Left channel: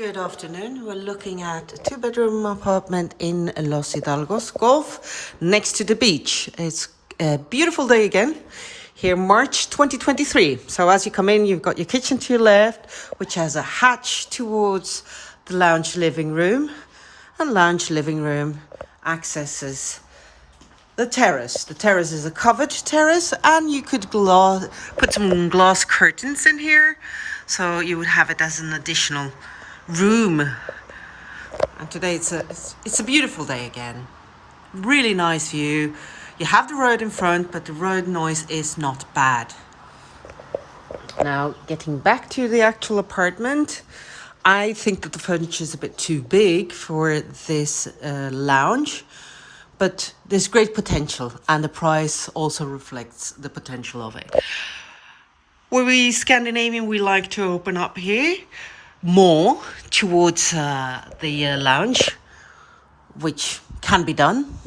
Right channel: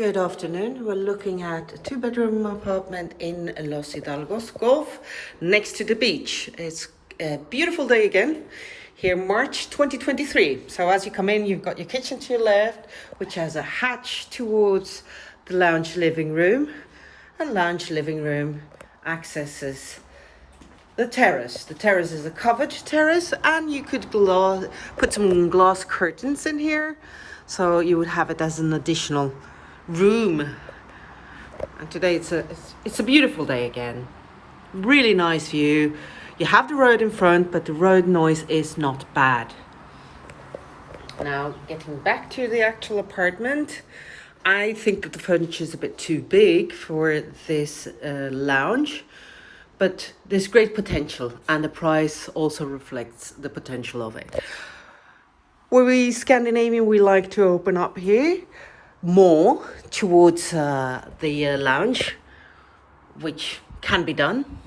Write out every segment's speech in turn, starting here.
Good afternoon. We're looking at a two-bedroom apartment in Los Hidalgos Golf next to the beach. It's a beautiful day again here, March 2023. So as you come in, you've got your kitchen to your left, which has a hatch towards the lounge living room. And lounge living room accesses the terrace. The terrace is a covered terrace, and you could put some glass curtains in here, so you would have it as an additional room. And today it's a beautiful day again. Really nice view. You have the road in front, but the road noise is not bad. Now, getting back to the actual apartment, I think that the furniture is a bit too big for this lounge, but there's great potential, and the price also reflects the potential of it. We Scandinavian, we like to open up here more towards the lounge, which can be done.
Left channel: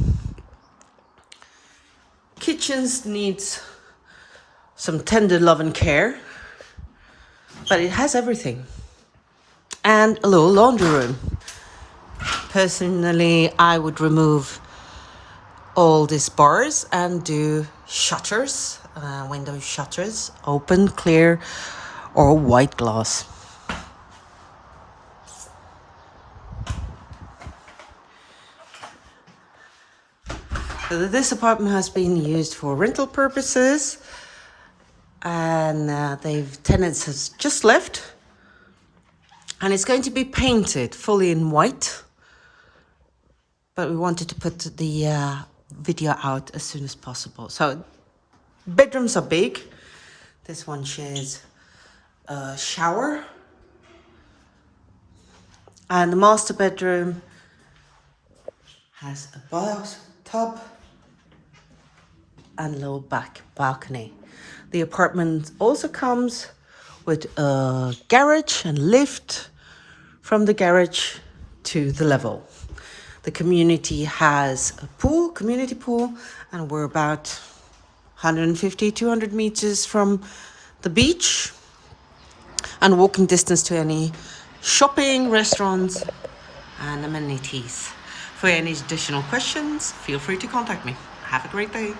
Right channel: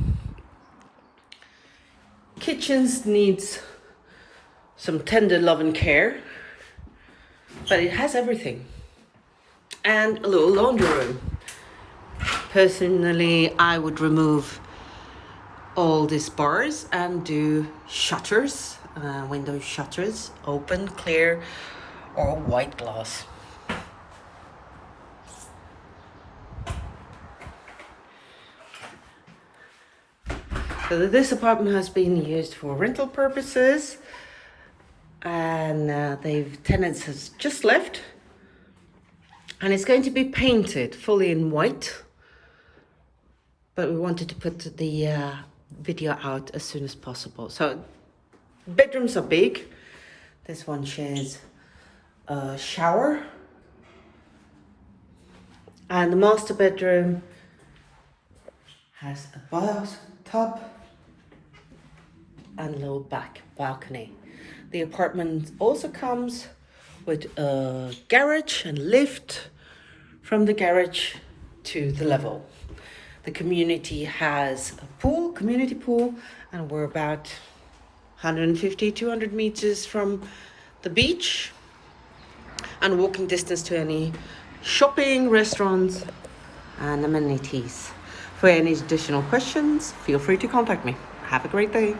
Kitchens needs some tender love and care, but it has everything. And a little laundry room. Personally, I would remove all these bars and do shutters, window shutters, open, clear, or white glass. So this apartment has been used for rental purposes, and tenants has just left, and it's going to be painted fully in white, but we wanted to put the video out as soon as possible. So bedrooms are big. This one shares a shower, and the master bedroom has a bathtub and a little back balcony. The apartment also comes with a garage and lift from the garage to the level. The community has a pool, community pool, and we're about 150, 200 meters from the beach, and walking distance to any shopping, restaurants, and amenities. For any additional questions, feel free to contact me. Have a great day.